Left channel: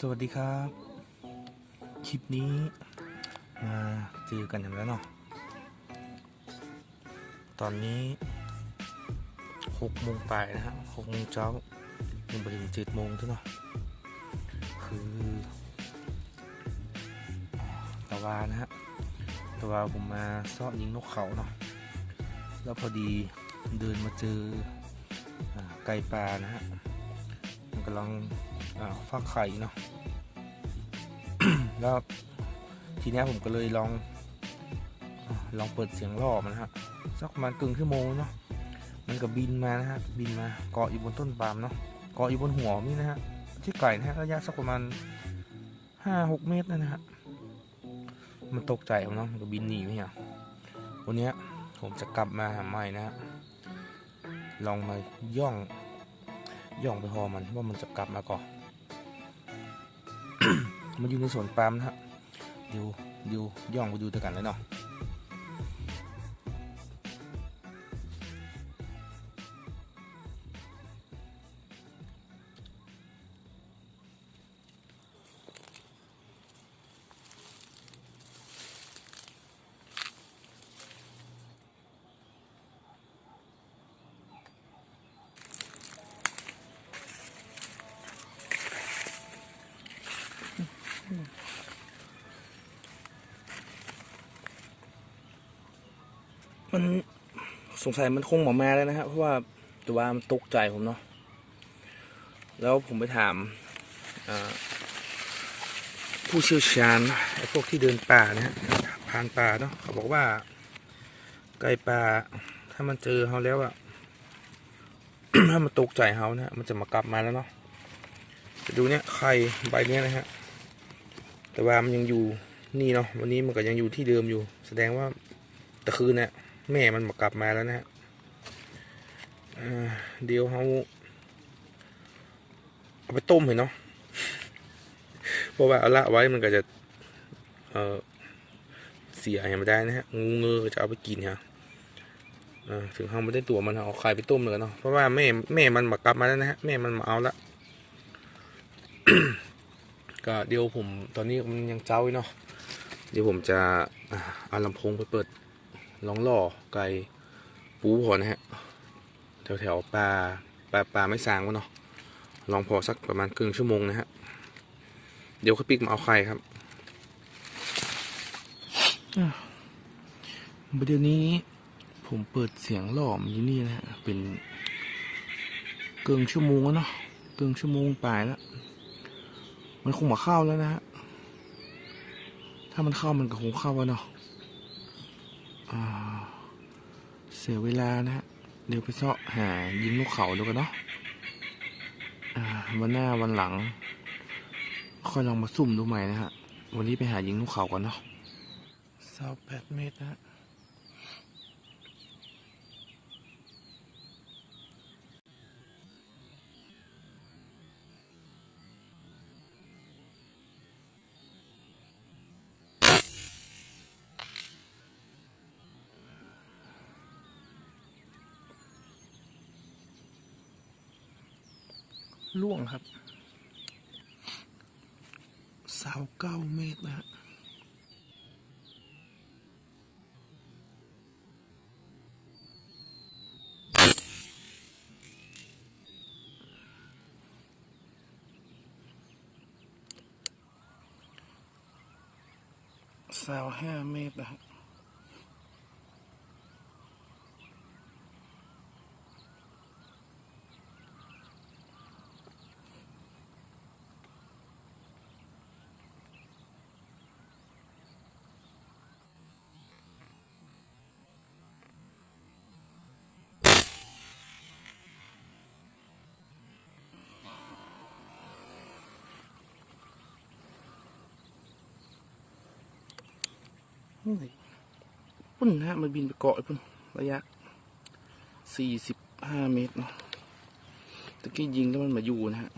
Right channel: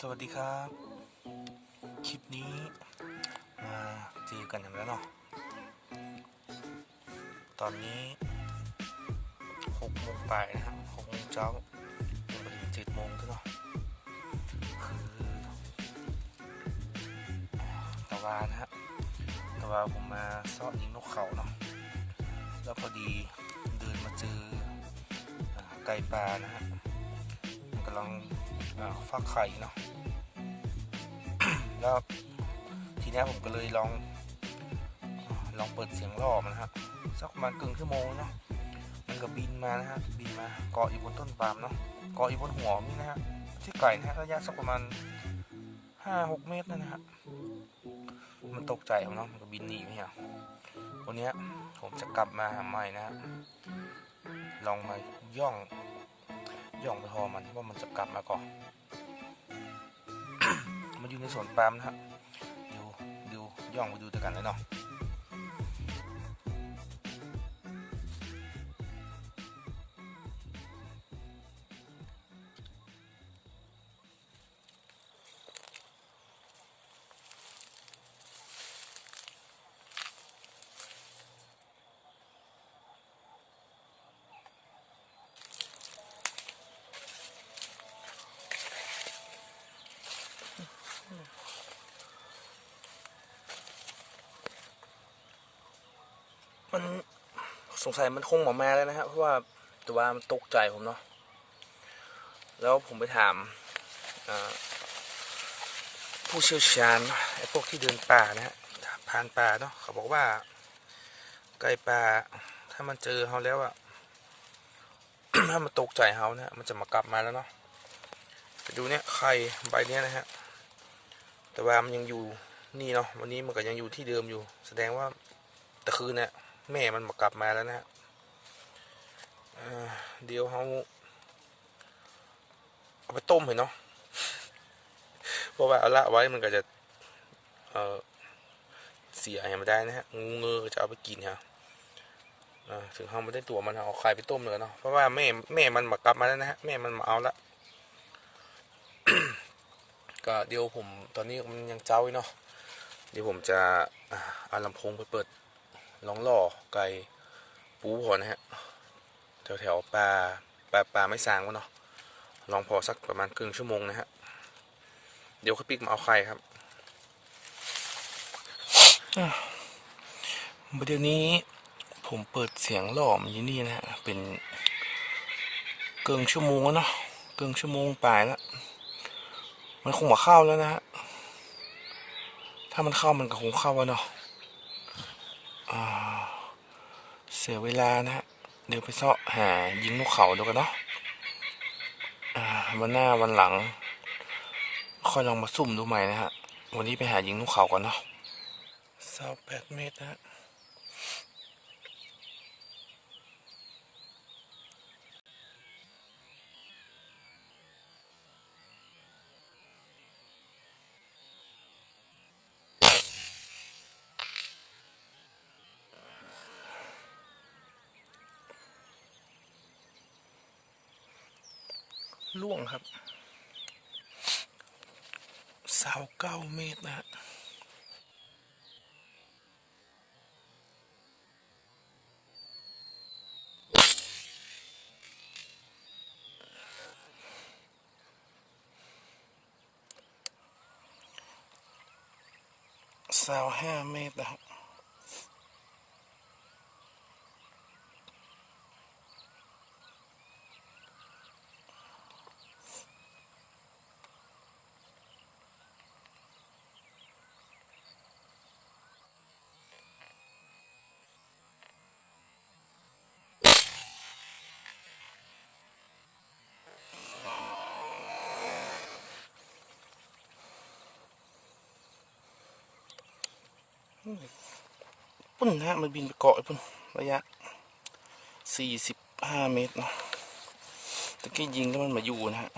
สวัสดีครับ คลิปนี้มาเจอกันอย่างแล้วเนาะตอนนี้หกโมงปลายนะฮะหกโมงเช้ายังไปถึงเจ็ดโมงเท่เนาะคือตะวานะฮะตะวาผมมาซ่อนยิงนกเขาเนาะแล้วพอดีเดินมาเจออไก่ปลานะฮะมันกำลัง ฟักไข่เนาะแล้วทีนี้ผมก็เลยลอง ลองเปิดเสียงล่อมันฮะสักประมาณกึ่งชั่วโมงเนาะมันก็บินมานะฮะบินมาเกาะอยู่บนต้นปาล์มเนาะเกาะอยู่บนหัวนี่นะฮะที่ไก่นะฮะระยะสักประมาณห้าหกเมตรนะฮะมันตกใจมันเนาะมันก็บินหนีไปเนี่ยวันนี้ผมจะกลับมาหาใหม่นะฮะลองมาย่อง ย่องไปพอมันว่ามันจะกลับมาก่อน มันอยู่ในสวนปาล์มนะฮะเดี๋ยวเดี๋ยวย่องไปดูด้วยกันเลยเนาะ มันสงสัยมันคงหมอแมาแล้วนะฮะเพราะว่าตัวมันตกใจผมเนาะแล้วผมไปถามผู้เชี่ยวชาญไอ้พวกที่เดินป่านะฮะผ่านป่าเนาะเขาบอกว่า ไก่ป่า ถ้ามันเจอเขาแล้วอะถ้ามันตกใจเขานะมันจะมากลับมาแล้วเนาะจะดูเนี่ยไข่ใบเนี้ยนะฮะแต่ว่ามันยังอยู่นี่เนาะวันนี้มันก็ยังอยู่ที่เดิมอยู่ แสดงว่าแต่คืนเนี่ย แม่มันมากลับมาแล้วนะฮะเดี๋ยวเขาเอาไปต้มเห็นเนาะเพราะว่าเอาละไว้มันก็จะเออเสียอย่างไม่ได้นะฮะงูเงือก็จะเอาไปกินฮะอ่าถึงเขาไม่ได้ตัวมันเอาไข่ไปต้มเลยเนาะเพราะว่าแม่แม่มันมากลับมาแล้วนะฮะแม่มันมาเอาละก็เดี๋ยวผมตอนนี้มันยังเจ้าอยู่เนาะเดี๋ยวผมจะเอาลำโพงไปเปิด ลองล่อไก่ปูพอนะฮะแถวแถวปลาปลาปลาไม่สางวะเนาะลองพอสักประมาณครึ่งชั่วโมงนะฮะเดี๋ยวค่อยปิกมาเอาไข่ครับเดี๋ยวนี้ผมเปิดเสียงหล่อมอยู่นี่นะฮะเป็นเกินชั่วโมงแล้วเนาะเกินชั่วโมงปลายแล้วมันคงมาเข้าแล้วนะฮะถ้ามันเข้ามันก็คงเข้าแล้วเนาะ เสียเวลานะฮะ เดี๋ยวไปเสาะหายิงนกเขาดูกันเนาะวันหน้าวันหลัง ค่อยลองมาซุ่มดูใหม่นะฮะ วันนี้ไปหายิงนกเขาก่อนเนาะเสาแปดเมตรนะฮะ ล่วงครับสาวเก้าเมตรนะฮะสาวห้าเมตรนะครับ ปุ่นนะฮะมันบินไปเกาะไอ้ปุ่นระยะสี่สิบห้าเมตรนะตะกี้ยิงแล้วมันมาอยู่นะฮะ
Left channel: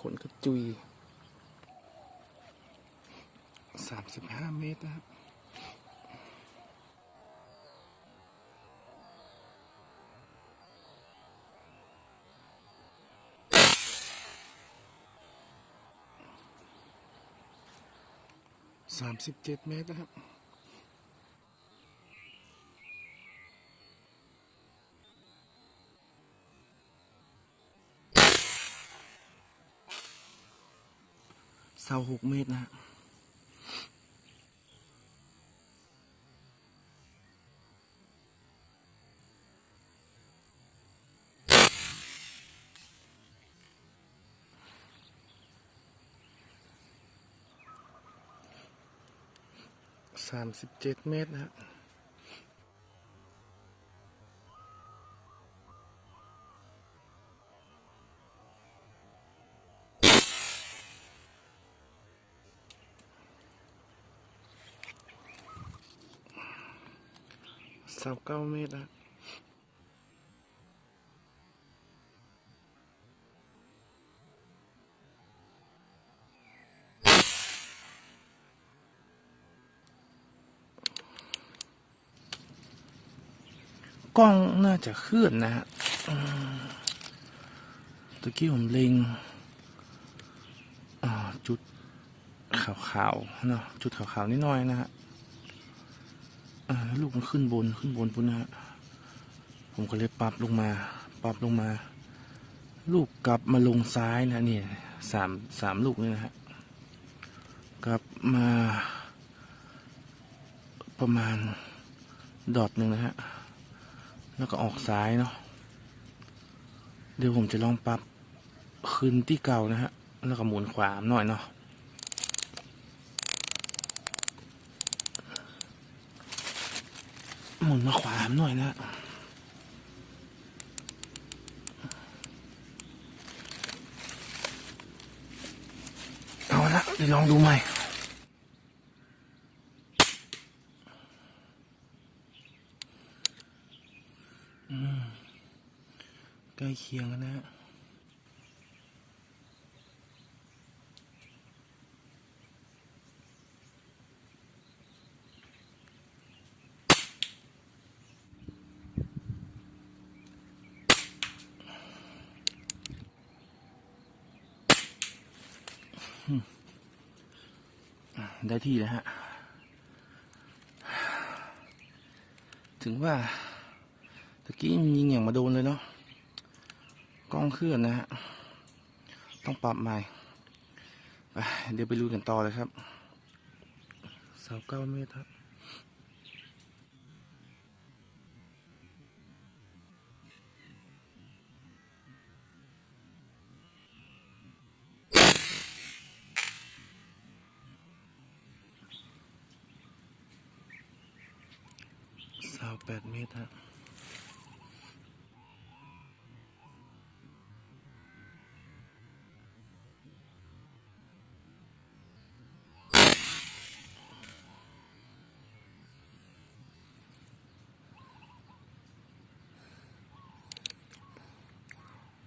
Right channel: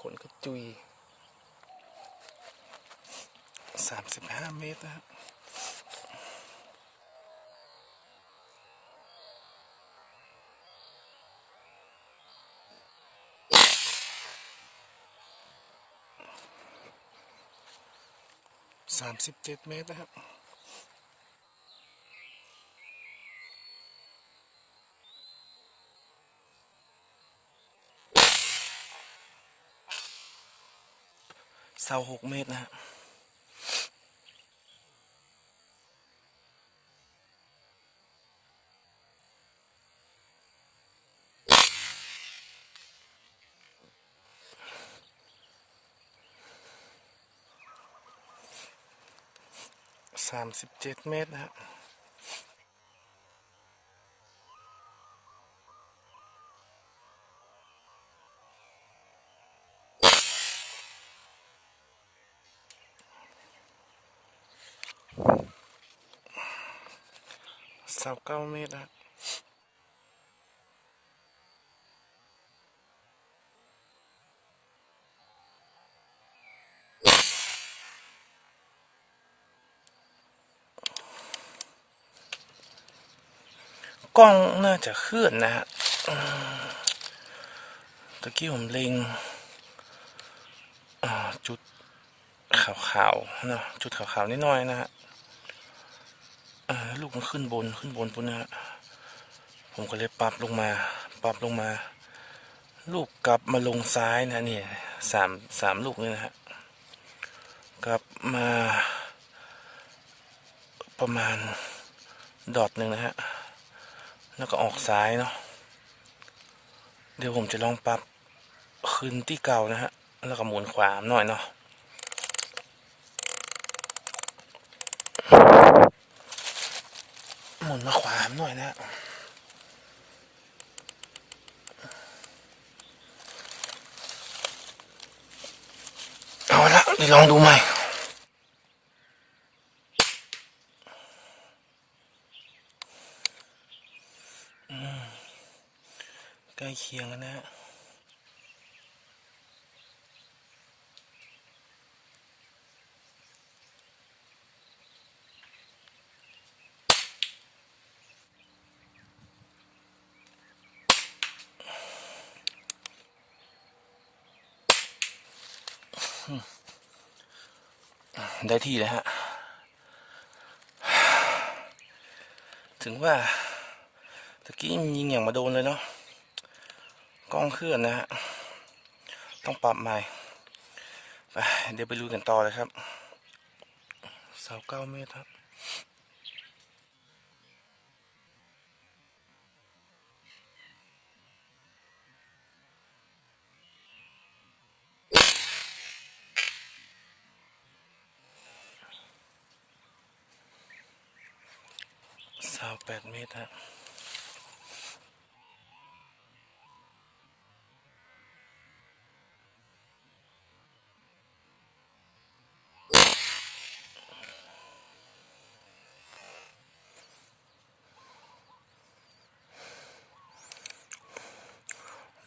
ขนกระตุยสามสิบห้าเมตรนะครับสามสิบเจ็ดเมตรนะครับ เสาหกเมตรนะฮะสามสิบเจ็ดเมตรนะฮะ กล้องน่าจะเคลื่อนนะฮะตะกี้ผมเล็งจุดขาวๆนะจุดขาวๆนิดหน่อยนะฮะลูกมันขึ้นบนขึ้นบนปุ๊บนะฮะผมก็เลยปรับลงมาปรับลงมา ลูกกลับมาลงซ้ายนะเนี่ยสามสามลูกนี่นะฮะกลับมาประมาณดอทหนึ่งนะฮะ แล้วก็ออกซ้ายเนาะเดี๋ยวผมจะลองปรับขึ้นที่เก่านะฮะ แล้วก็หมุนขวาหน่อยเนาะหมุนมาขวามหน่อยนะเอาละเดี๋ยวลองดูใหม่ ใกล้เคียงกันนะฮะได้ที่แล้วฮะ ถึงว่าตะกี้ยิงอย่างมาโดนเลยเนาะ กล้องเคลื่อนนะฮะ ต้องปรับใหม่ ไป เดี๋ยวไปลุยกันต่อเลยครับเสาเก้าเมตรครับเสาแปดเมตรฮะ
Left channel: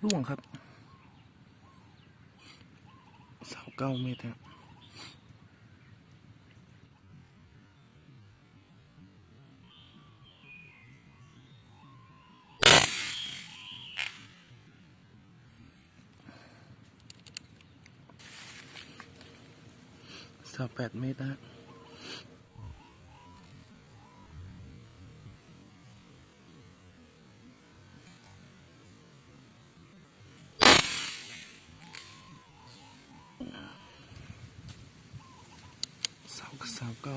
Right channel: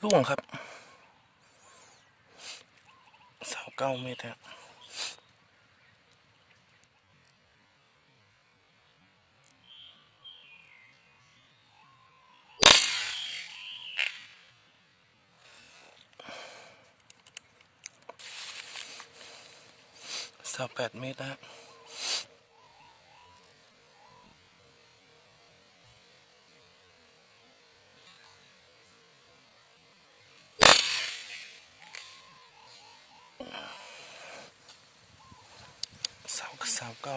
ล่วงครับเสาเก้าเมตรฮะเสาแปดเมตรนะฮะเ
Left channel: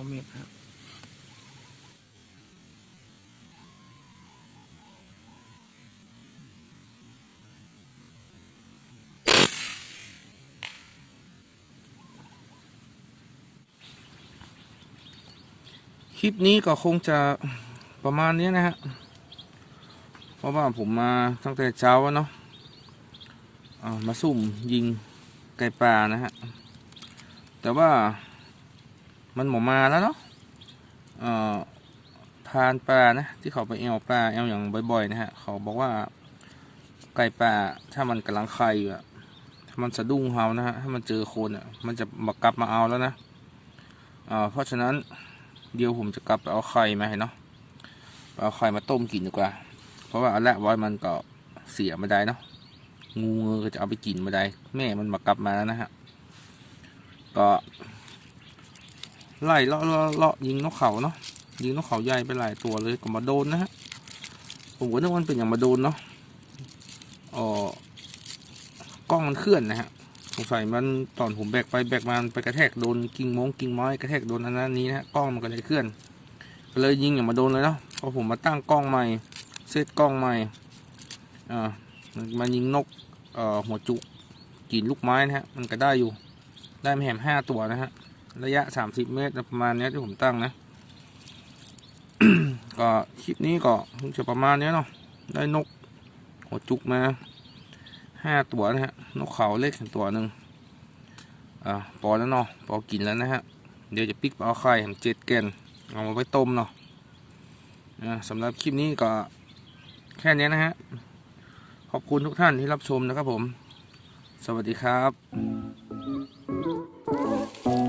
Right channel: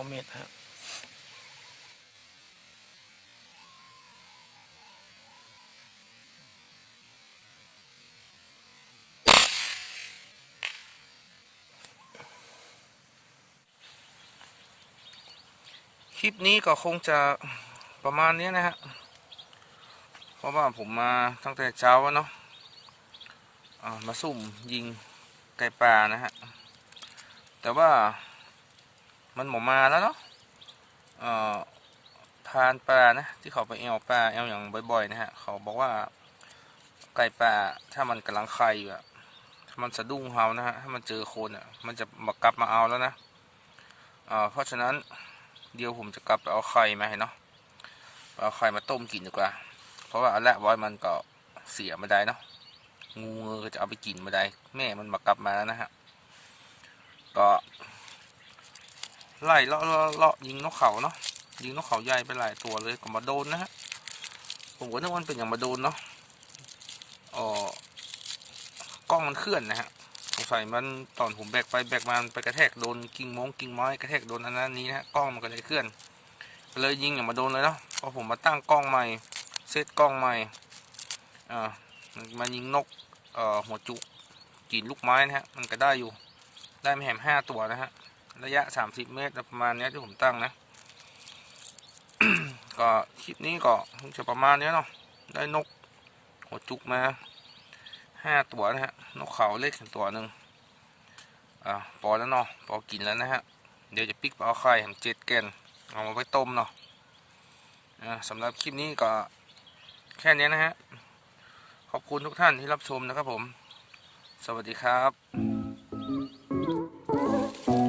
เมตรฮะคลิปนี้ก็คงจะประมาณนี้นะฮะ เพราะว่าผมมาตั้งแต่เช้าเนาะมาซุ่มยิงไก่ป่านะฮะ แต่ว่า มันหมอมาแล้วเนาะเอ่อพานป่านะที่เขาไปแอวป่าแอวอย่างบ่อยๆนะฮะเขาบอกว่าไก่ป่าถ้ามันกำลังไข่อยู่อะถ้ามันสะดุ้งเฮานะฮะถ้ามันเจอคนอะมันจะมากลับมาเอาแล้วนะอ่าเพราะฉะนั้นเดี๋ยวผมจะกลับไปเอาไข่มาให้เนาะเอาไข่มาต้มกินดีกว่า เพราะว่าอันแรกไว้มันก็เสียม่ได้เนาะงูเงือก็จะเอาไปกินม่ได้ แม่มันมากลับมาแล้วนะฮะก็ ไล่เลาะเลาะยิงนกเขาเนาะยิงนกเขาใหญ่ไปหลายตัวเลยก็มาโดนนะฮะผมก็นึกว่ามันเป็นอย่างมาโดนเนาะอ๋อกล้องมันเคลื่อนนะฮะสงสัยมันตอนผมแบกไปแบกมามันไปกระแทกโดนกิ่งมงกิ่งไม้กระแทกโดนอันนั้นนี้นะฮะกล้องมันก็เลยเคลื่อนก็เลยยิงอย่างมาโดนเลยเนาะพอผมมาตั้งกล้องใหม่เซตกล้องใหม่อ่ามันมายิงนกเอ่อหัวจุกกินลูกไม้นะฮะมันก็ได้อยู่ได้ม่แหมห้าตัวนะฮะ ระยะ 30 เมตรประมาณนี้ที่ผมตั้งนะ ก็คลิปนี้ก็คงจะประมาณนี้เนาะได้นกหัวจุกมาห้าตัวนะฮะ นกเขาเล็กตัวหนึ่งอ่าพอแล้วเนาะพอกินแล้วนะฮะ เดี๋ยวจะปิกเอาไข่ผมเจ็ดแกนเอามาไว้ต้มเนาะอ่าสำหรับคลิปนี้ก็แค่นี้นะฮะ ขอบคุณทุกท่านที่รับชมนะครับผม สวัสดีครับ